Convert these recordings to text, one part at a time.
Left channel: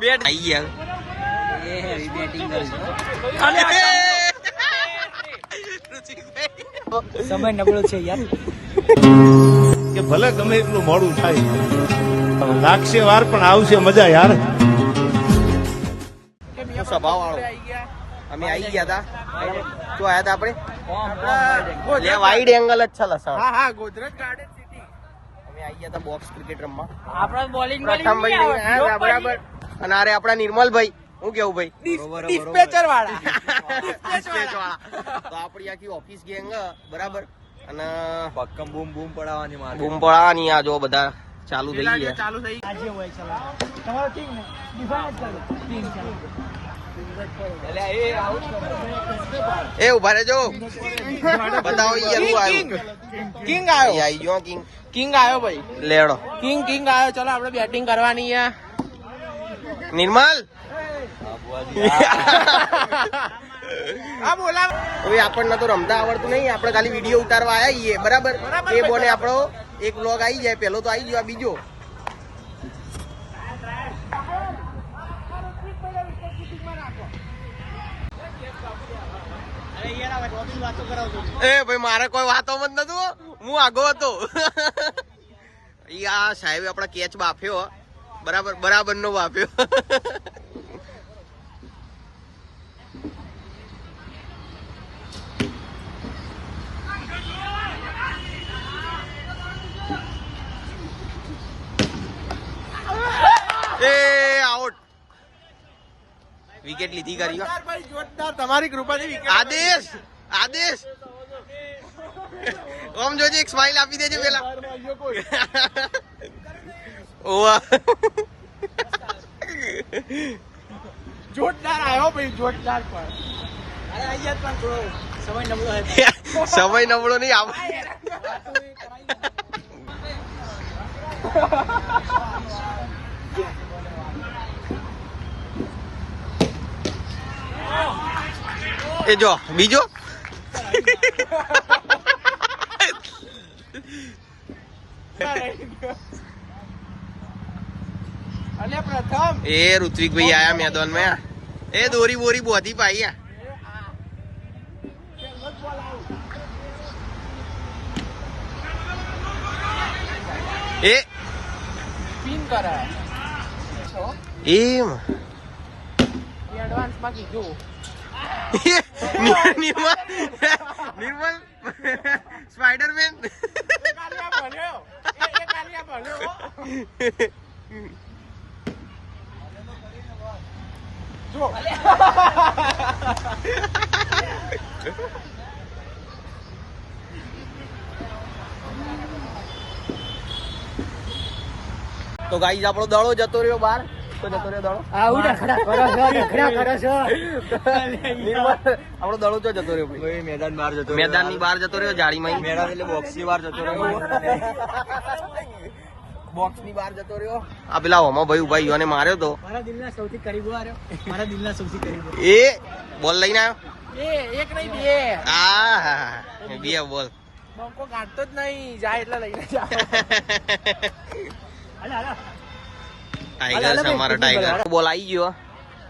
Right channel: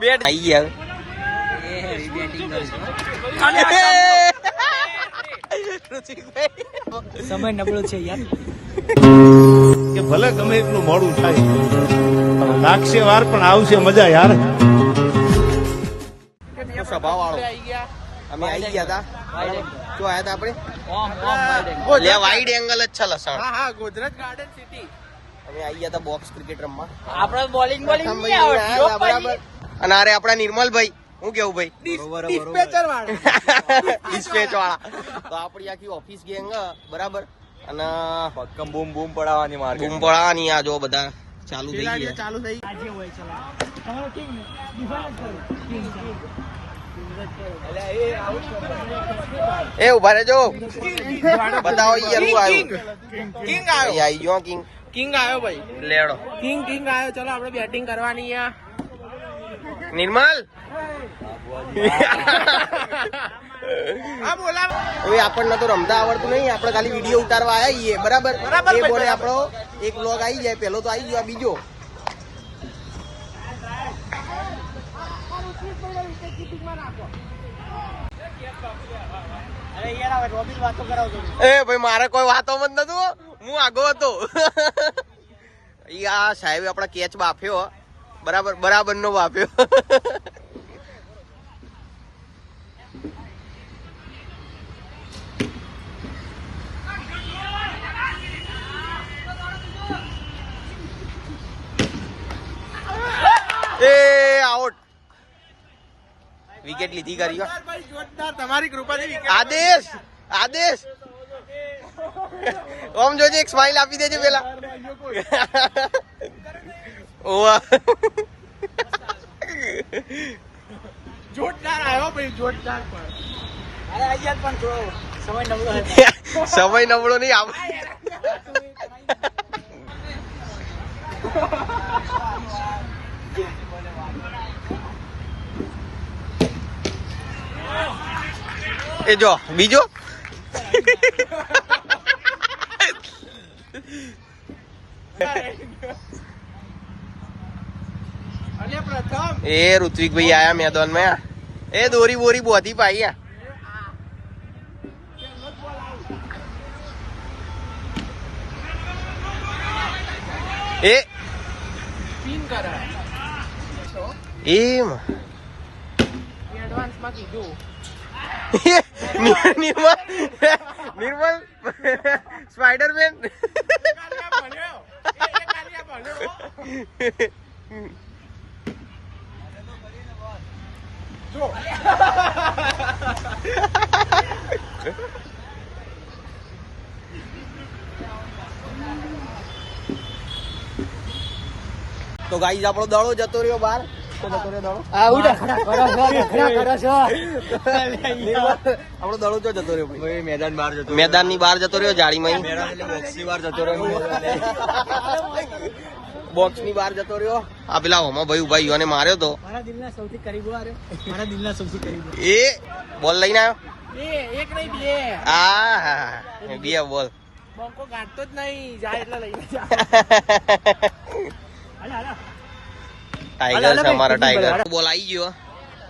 બેટ આવી ગયા સમય નબળો છે યાર કે ભલે ગમે એટલું મોડું થાય લાગશે વાર પણ આવશે મજા યાર. સ્વભાવ વાળો અમે આવી ગયા હતા શું આયા હતા આપણે વાઈડ એંગલ જ છે લસણ ગોદરેજ ગાર્ડન સિટી અમે આવી ગયા હતા બોક્સ ક્રિકેટ રમવા આપણે બોલિંગ પ્રથમ ભાઈ લઈને આયા હતા બરાબર અને અરે આપણા નિર્મલ ભાઈ હું કેવું ભાઈ ડિસ્પેચર વાળા ડિસ્પેચ વાળા તો આપણી આખી ઓફિસ ગેંગ બરાબર અને બૂમ બૂમ પડાવવાની મારે બૂમ પડાવવાની આ જો બધા ચાલુ થઈ ગયા ચાલુ થઈ એ ઉભા રહેજો બતાવો યાર હું આવ્યું કિંગ આવ્યો આવી ગયો કિંગ કિંગ આવ્યો ભાઈ લેડો કિંગ આવ્યો ચલો આપણે બેટિંગ કરવાની છે નિર્મલ હા બોલા હવે આપણને તો રમતા આવડતું નહીં આપણે ખાલી વિડીયો ઉતારવા આવ્યા છીએ બરાબર એ બોને આપણો એક વ્લોગ આવી જાય પેલો તો આવી ગયો આ બીજો એ ભાઈ મારે કોઈ વાતો મત નતું હું આગો હતો આ સાહેબે આપડા કેચ બાફ્યો બરાબર નો બાફ્યો એ આઉટ વિકેટ લીધી કરી જોરદાર તમારી કૃપાથી આદેશ ઓમ જોજે એક સ્માઈલ આપી દેજો પેલા ઓવા જોરદાર આવ્યો ભાઈ જોરદાર પણ સમય નબળો નહીં આવ એ જો બીજો એ ઋત્વિક ભાઈ આયા મેદાન માં એ દોરી બોરી બોધી પાઈ એ સ્પિન કરે એમ એડવાન્સ માં કીધું નિર્મલ સ્પાઈડરમેન તો ગાઈસ આપણો દડો જતો રહ્યો બહાર તો જતો રહ્યો દડો આપણો દડો તો જતો રહ્યો ભાઈ મેદાન ની બહાર જતો રહ્યો જાળીમાં બોક્સ ની બહાર જતો રહ્યો આ પેલા હોમા ભાઈ ઉભા યુવાને માર્યો તો મારા દિલના સૌથી કરીબ એ બોલ લઈને આવ્યો એક નહીં બે આ બે બોલ બંકો ગાંઠતો જ નહીં જાય એટલે લઈને ટાઈગર છે અમારા ટાઈગર બોલ આવી ગયો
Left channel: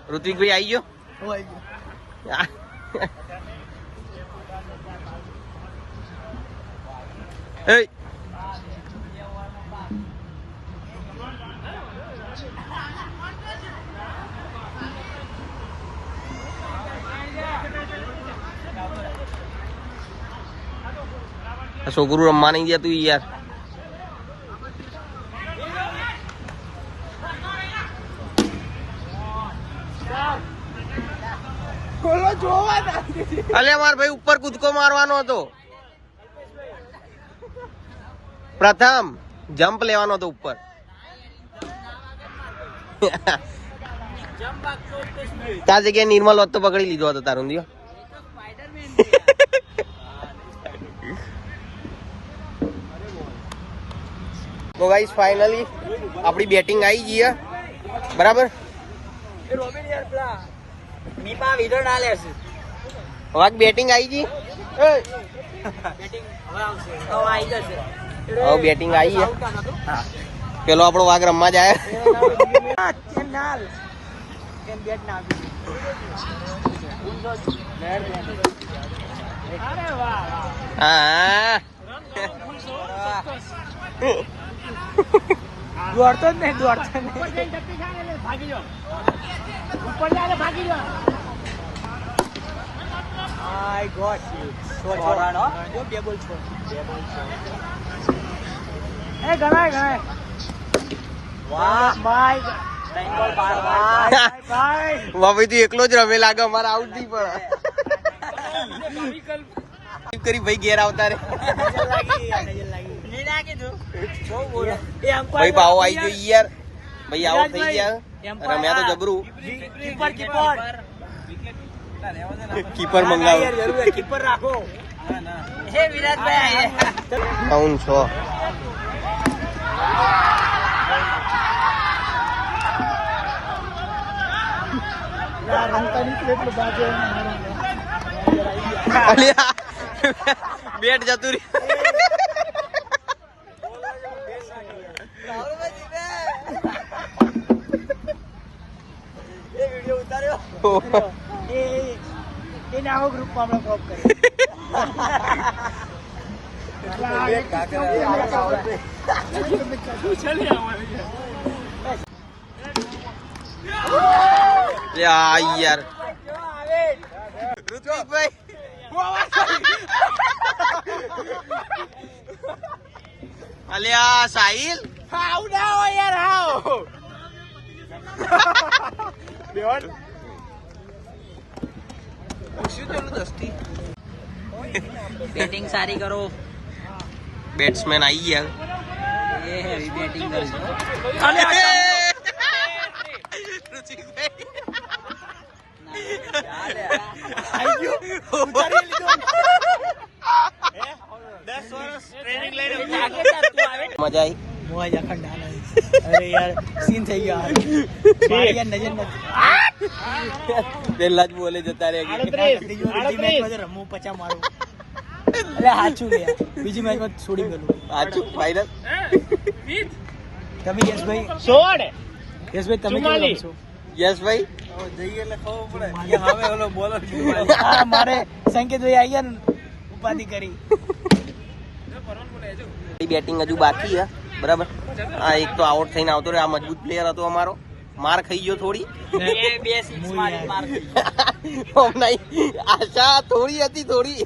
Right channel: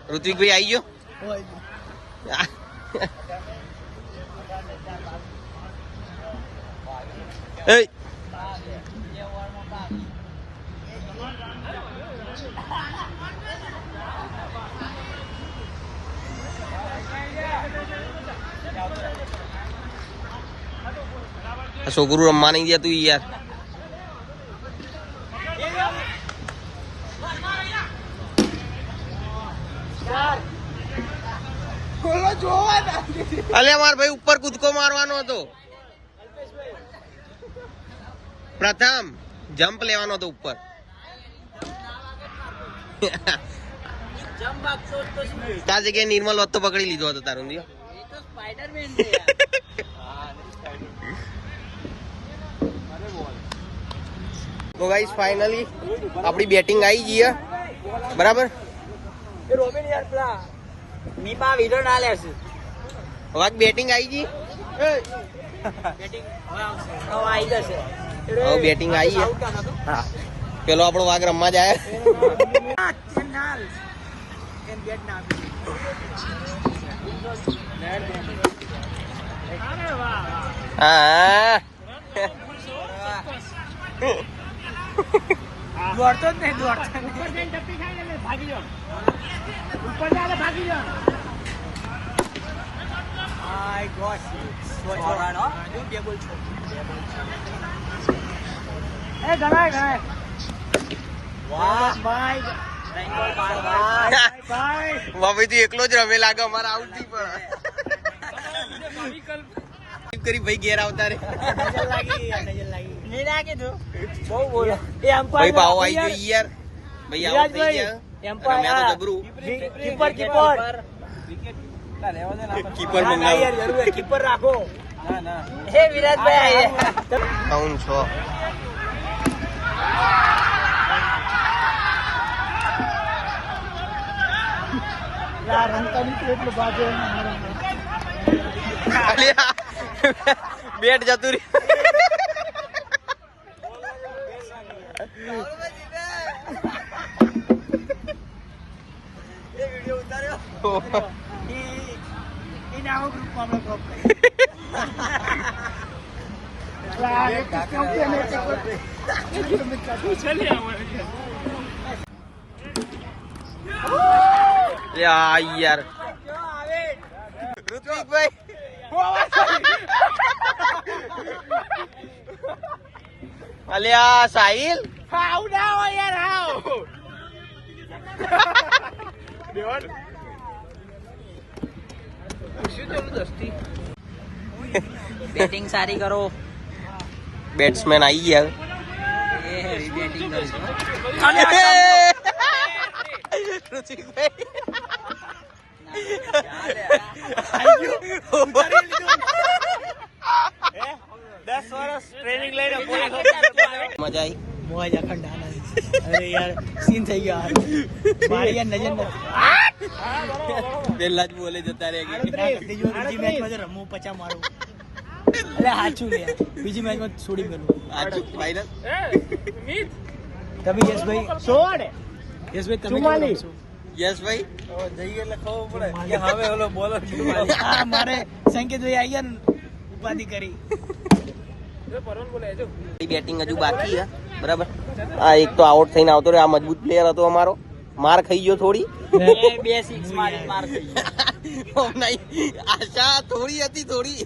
ઋત્વિક ભાઈ આવી ગયો એ છોકરું રમવા નહીં ગયા તું યાર અલે માર ભાઈ ઉપર કૂદકો મારવાનો હતો પ્રથમ જમ્પ લેવાનો હતો ઉપર ત્યાં જગ્યાએ નિર્મલ હોત તો પકડી લીધો હતો તારું લ્યો તો ગાઈસ ફાઇનલી આપણી બેટિંગ આવી ગઈ છે બરાબર નીપા વિડિયો ના લેશે વાગ બેટિંગ આવી ગઈ બેટિંગ હવે આવશે હવે આવી જશે હવે બેટિંગ આવી છે. પેલો આપણો વાઘ રમવા જાય. હા દોડતો જ નહીં, દોડતો ઉપર જઈને ટપ્પી ખાને એટલે ભાગી જાઓ. ઉપર જાય એટલે ભાગી જાઓ. આય ગોડ જો બે બોલ છો. એ ગણાય ગણાય. વાહ ભાઈ મમ્મી તું એકલો જ રમે લાગે. અમારે આઉટ નહીં પડે. કરી ભાઈ ઘેર આવતા રે. નજર લાગી નજર લાગી નહીં લાગે તો બહુ બોલો. ભાઈ પાવો આવી ગયો યાર. ભાઈ આઉટ થઈ ગયા. રમ્યા તો જબરું. કીપર કીપર કીપર મંગાવ. યાર જરૂર કીપર રાખો. હે વિરાટભાઈ 9-6. યાર રમતાની કેટલું બાજુ અલ્યા બેટ જતું એને આવો ગ્રુપમાં અમે ડ્રોપ કરી. યાર ઋત્વિકભાઈ અલ્યા સાહિલ હાવ ના હોય યાર હાવ. બેટિંગ સારી કરો. બેટ્સમેન આવી ગયા. એ હેવી બેટિંગ કરજો. ઋત્વિકભાઈ મજા આવી. મોજ અખંડ આનંદ. અરે યાર સીન થઈ ગયો. મારી યાર નજર નથી. પેલા જ બોલે જતા રહે. બીજી મેચમાં તો રમવું પચા મારું. અરે હાચું લે બીજી મેચમાં છોડી મેલું. સાચું ફાઈનલ. તમે યશભાઈ 16 યશભાઈ તમે કેવું રમશો? યસ ભાઈ જઈએ એટલે ખબર પડે. હવે ઓલો બોલર હા મારે સંકેતભાઈ આવી ગયા ને ઉપાધિ કરી. બેટિંગ હજુ બાકી છે બરાબર. આ એક તો આઉટ થઈને આવતો રહ્યો. આ મજબૂત પ્લેયર હતો અમારો. માર ખાઈ ગયો થોડી. આશા થોડી હતી થોડી.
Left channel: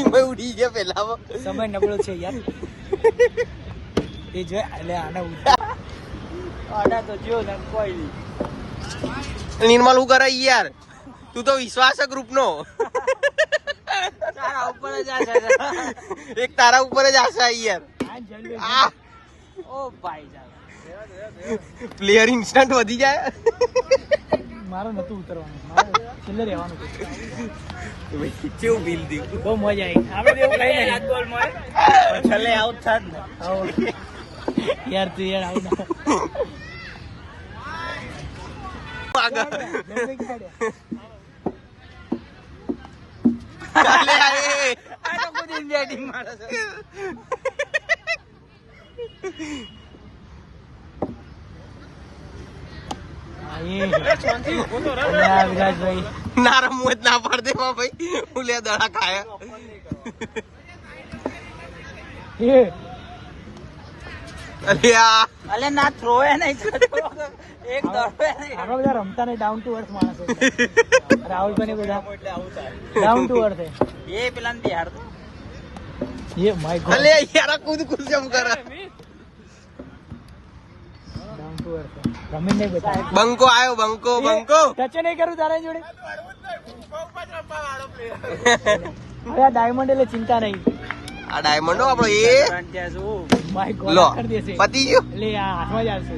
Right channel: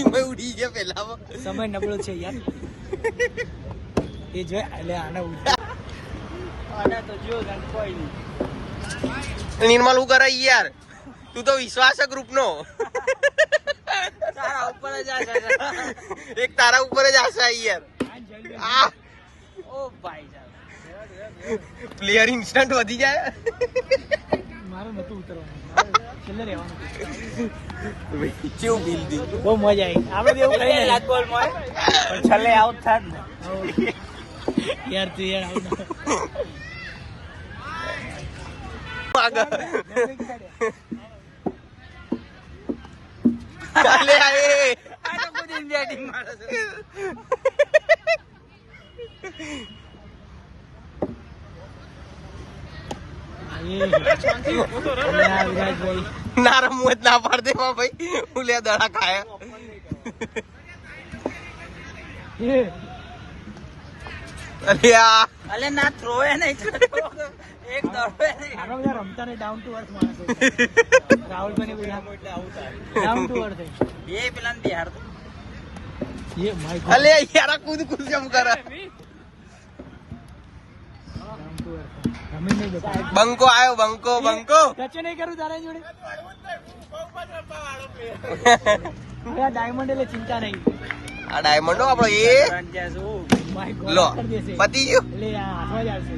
એમાં ઉડી ગયા પેલા. સમય નબળો છે યાર. એ જો એટલે આના નિર્મલ હું કરે યાર. તું તો વિશ્વાસ છે ગ્રુપ નો. તારા ઉપર જ આશા છે. એક તારા ઉપર જ આશા યાર. ઓ ભાઈ પ્લેયર ઇન્સ્ટન્ટ વધી જાય. મારે નતું ઉતરવાનું. મારે છેલ્લે રહેવાનું કેવું ફીલ થયું? બહુ મજા આવી. આપણે એવું કઈ નહીં. છેલ્લે આઉટ થાત ને યાર તું યાર આઉટ ચાલે આયે. વિરાટભાઈ ના રમવું જ ના પાડ દે ભાઈ. ઉલ્યા દડા ખાયા. અરે આ અલે ના થ્રો એ નહીં એક દડો નહીં. આપણે બધા રમતા નહીં. ડાઉન ટુ અર્થ માણસ. રાહુલભાઈ બધા ડાઉન ટુ અર્થ એ પેલા બિહાર તો એ માય ગોડ. અલે યાર કુદ કુદ જેમ કરે. ડાઉન ટુ અર્થ રમી નહીં બેઠા. બંકો આયો. બંકો બંકો ટચ નહીં કર્યું તારા જોડે. અરે ડાયમંડ એટલે ચિંતા નહીં. આ ડાયમંડો આપણો એ માય લો ગોડ કરી દેશે. પતી ગયું. એટલે આ હાથમાં જ આવશે.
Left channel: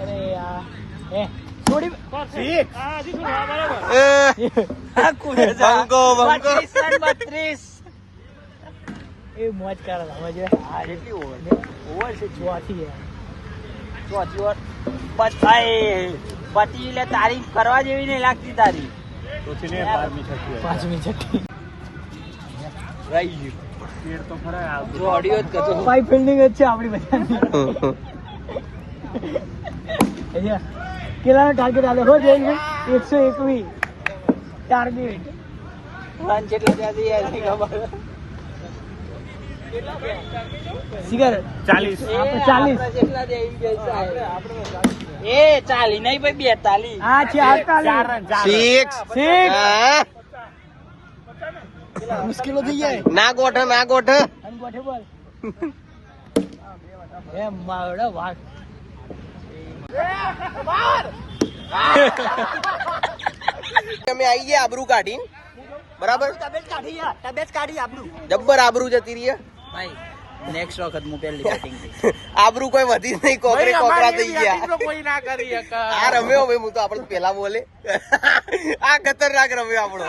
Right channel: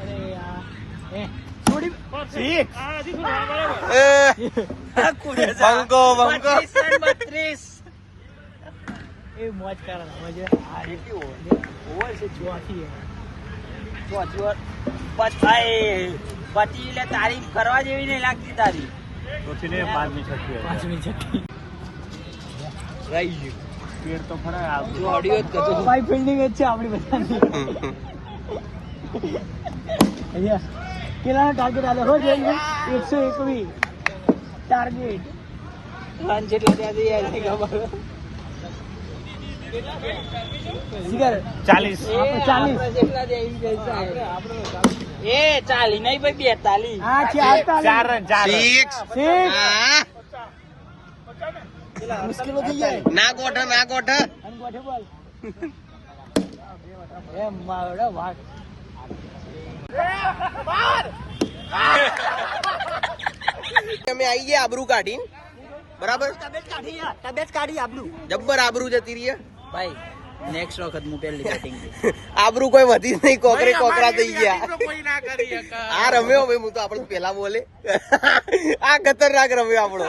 અરે યાર એ થોડી બંકો બંકો 32 એ મોજ કરે મજે. આજે કેવો હોય છે જોવાથી પતિ એટલે તારીફ કરવા જેવી નહીં લાગતી તારી. તો 5 મિનિટ ફાઈવ ફિલ્ડિંગ જ છે આપણી બધાની. યસ. કેટલાનો ટાર્ગેટ આલે રોજ 121 ટાર્ગેટ. રન જેટલો ત્યાંથી આવી ખબર. સિગરેટ 40. એ 40 નહીં ભાઈ 42. હા 4 હા મુશ્કેલો થઈ જાય. ના ગોઠ એમ માવડા વાગ. અમે આવી ગયા આબરૂ કાઢીને બરાબર. તબિયત કાઢી આપણું. જબ્બર આબરૂ જતી રહી ભાઈ નેક્સ્ટ વખત હું પહેલી બેટિંગ. આબરૂ કોઈ વધી નહીં, કોકરા થઈ ગયા. કોઈ ના કરી આ રમ્યો ભાઈ, હું તો આપડે પેલા બોલે આ ખતરનાક રમ્યો આપણો.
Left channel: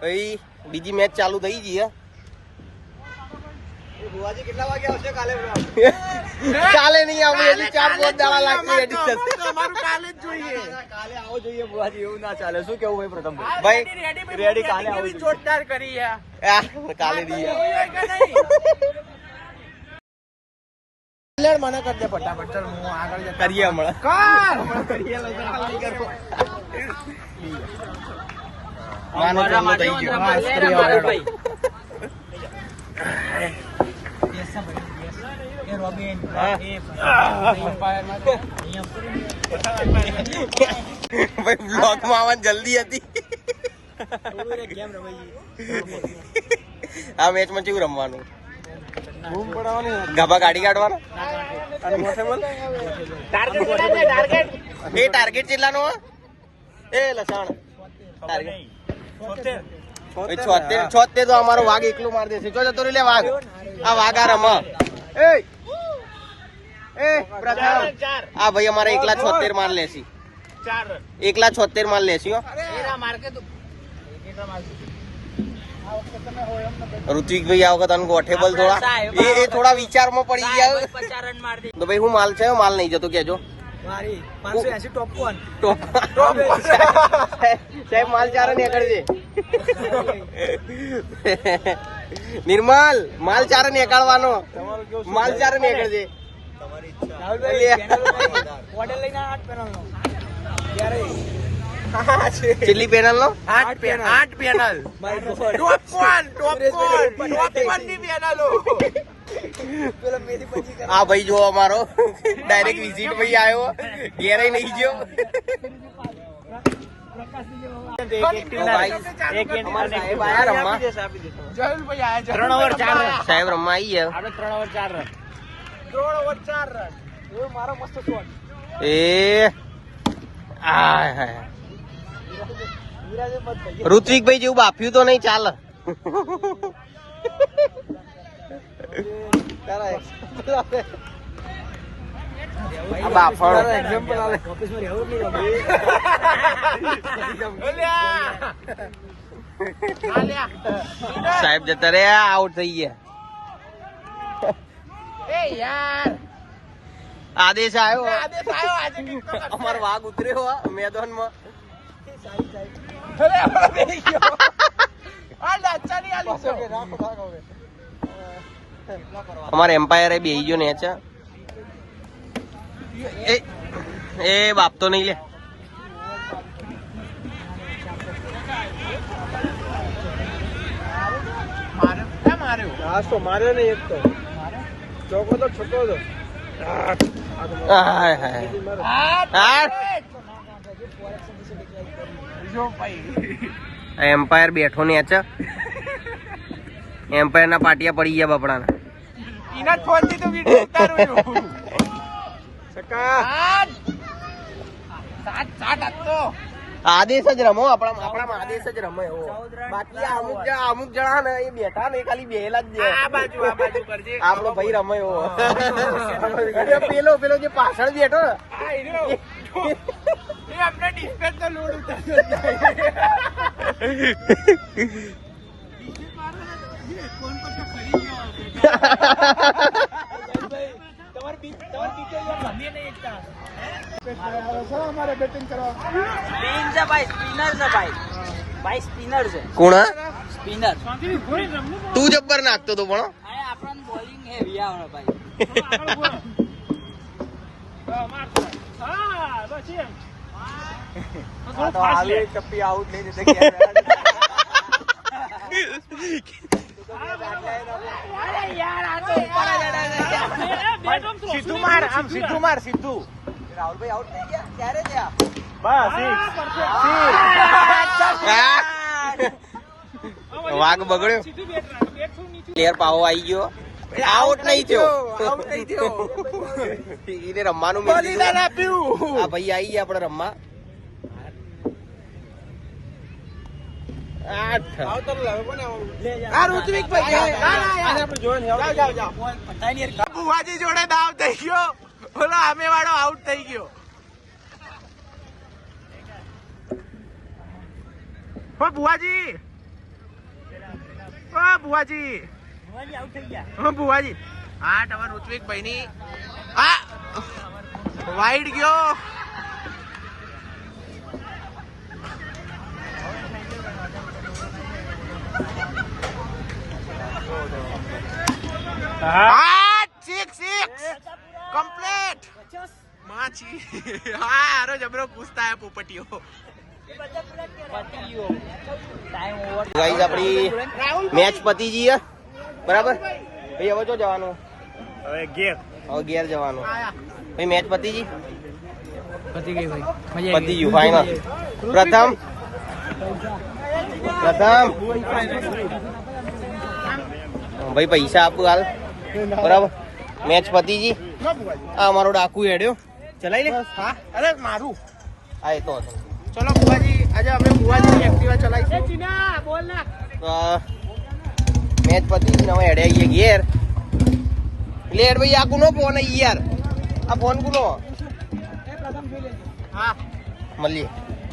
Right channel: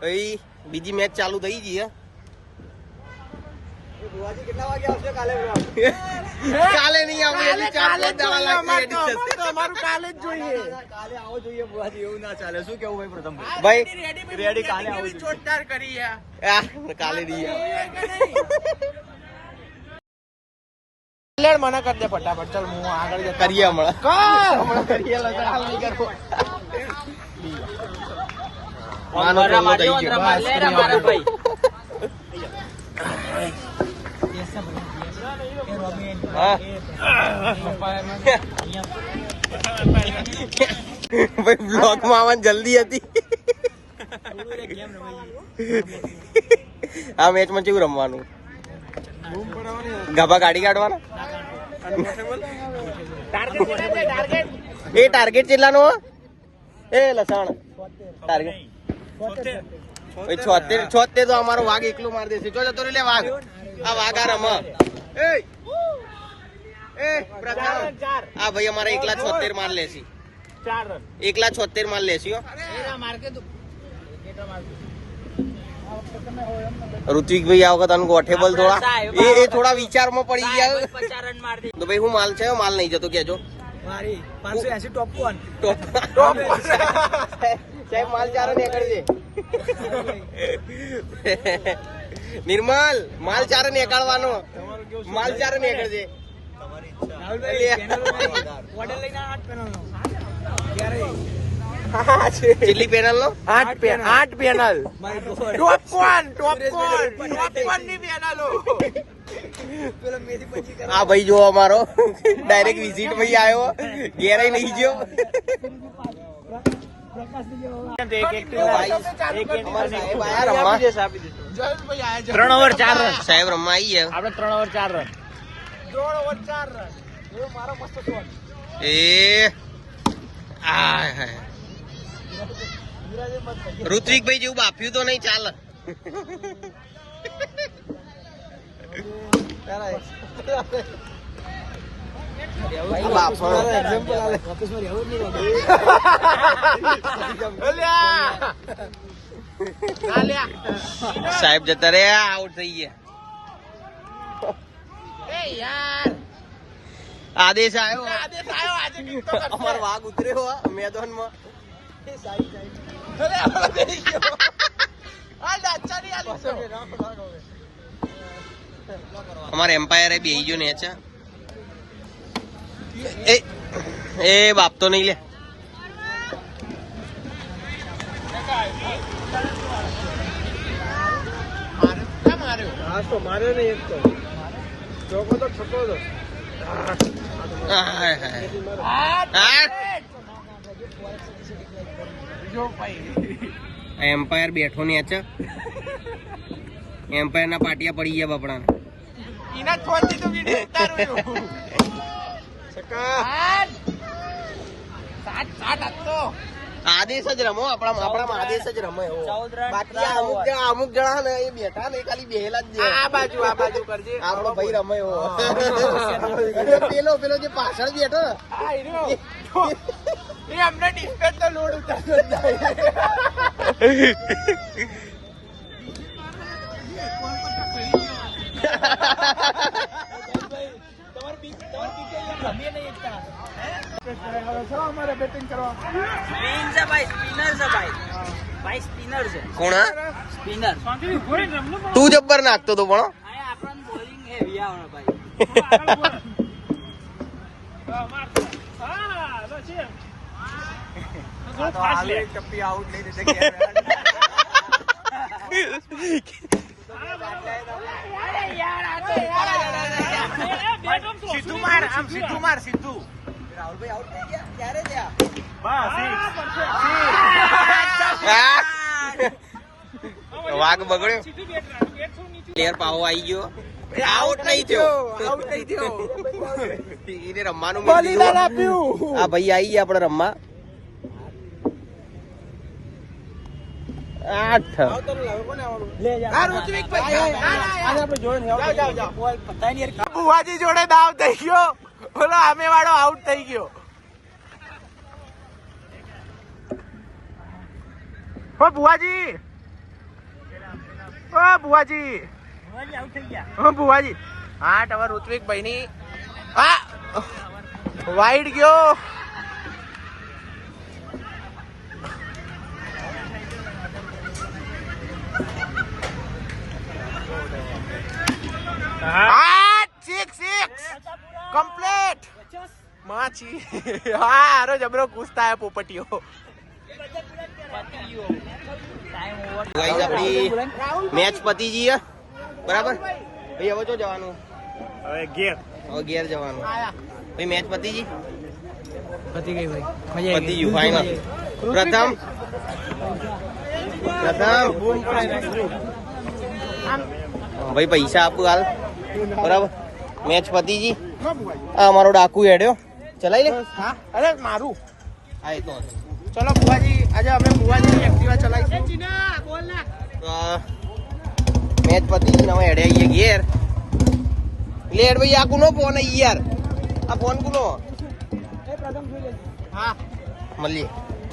ભાઈ બીજી મેચ ચાલુ થઈ ગઈ હે. કેટલા વાગે આવશે કાલે? કાલે નહીં આવે, હજી 4-5 દાડા લાગશે એડિટ થશે. અમારું કાલે જ જોઈએ. કાલે આવો જોઈએ બુવાજી, એવું ના ચાલે. શું કેવું ભાઈ પ્રથમ ભાઈ રેડી? કાલે આવો જોઈએ. જોરદાર કરી યાર. કાલે નહીં આવે. મને કર દે ફટાફટ. ચાલ હું આગળ જતો કરીએ હમણાં. માનો પહેલો થઈ ગયો. બસ કરીએ હવે. હા ભાઈ બ્લોક માં આવવાની જલ્દી હતી. આ મેચ માં કેવું રમવાનું? ગભા કાઢી કાઢવાનો. એ ટાર્ગેટ કેટલાનો? એ લસણ ટાર્ગેટ 76 તો અમારો વાઘ એકલો મારી દેશે. જો જતો લે વાઘ. આ વાઘ આ રમ. હા ભાઈ અમારે 176 માર લેશે. 176 માર લેશે. ઋત્વિકભાઈ આ વખત અનગોઠેબલ થોડા એ થોડા વિચારમાં પડી ગયા. તો ભાઈ હું માલ છે, માલ નહીં જતો કેજો. મારી 580 ટોપ કોન. સાહેબ માલ ચારે નીકળજે. નિર્મલ માલ ચારે નીકળવાનો. માલ ચારે નીકળજે. ઓર્ડર લઈને 8 પેનલ નો. ક્યારે કેટલી પેનલ નો? 8 પેનલ. My God. ટોપ કોન ની પેનલો. પેલો મેથી પછી કર. આ ભાઈ જો અમારો ડાયરેક્ટ વિઝિટ ભાઈ આવ્યો, ઘેરે નહીં ગયો. તો ભાઈ અમારા સાહેબ આયા રમવા. 3 ઓવર 4 રન. સાહેબ રમવા આવી ગયા. આપણે 3 ઓવર 4 રન. 3 over 4 run. એ મારો મસ્ત શોટ. એ આ ઋત્વિકભાઈ જેવું બાપ્યું તો નહીં ચાલે. આ બાફણ એક્ઝામ્પલ આવે. ઓફિસમાં રહેવું જ નહીં. સાહેબ જતા રહ્યા, આઉટ થઈ ગયા. આદેશ આવ્યો. અમારો વાઘ ઉતર્યો મેદાનમાં. અમારે એમ્પાયર બેહી ગયો ને એ બાપ તો નહીં લે. માર્યો ને એક તો ચોકો તો છકો તો. એમ્પાયર બેઠો ને એમ્પાયર ના પાટિયા પડી ગયા બપડાના. આદેશ જ રમો, આપણામાં આદેશ જ રમે. બાકી અમુક જણા ને એ બેઠા ને ખાલી બેહેલા જ આપડો ભાઈ રમે. પેલો જે પાછળ બેઠો અમારે બેટિંગ કરવા. ભાઈ સ્પિનર છે. કોણ સ્પિનર. તું જબ્બર નાખતો તો પણ આ આપણને બોલિંગ હેવી આવડે ભાઈ. ચપ્પી આઉટ નહીં રીતે સીધું માર આમ સીધું માર સીધું વાઘ બગડ્યો. પ્લેયર પાવો આવી ગયો. આઉટ નહીં થયો. એને રમવાનું મળી ગયું. હા ભાઈ આવી ગયા આપણે રમવા. 8. બુવાજી જોડે દાવ થઈ ગયો. ઓલો સામે વાળો આઉટ થઈ ગયો. ઓ બુવાજી, ઓ બુવાજી, ઓ બુવાજી. હા તમારે ઋત્વિક ભાઈ ની હા વાઈડ ગયો. કમ્પ્લીટ માછી. હા હારો જબરો કૂદતા હે પોપટીઓ. ગાઈસ આપણી મેચ પતી ગઈ હે. બરાબર ભાઈ હવે જો જવાનું. હવે ગેર હવે ઘેર જવાનું. ભાઈ મેચ પતી ગઈ. પતી ગઈ ભાઈ. પતી ગયું ફાઈનલ. પ્રથમ ભાઈ પૈસા આપું હાલ. બરાબર મેચ પતી ગઈ. આ અમારો ડાકુ હેડ્યો. ચલાઈ લે. હા અરે મારું હા એ તો હતો. ચલો બુવાજી આજે આપણે બુવાજીની એક્ટિવા ચલાવીશું. તો મેચ પતી ગઈ. હવે હેડે આવીએ ઘેર. એટલે હેડ ભાઈ આ કુનો ફોન યાર. આ ફોન કુનો? હા મળીએ.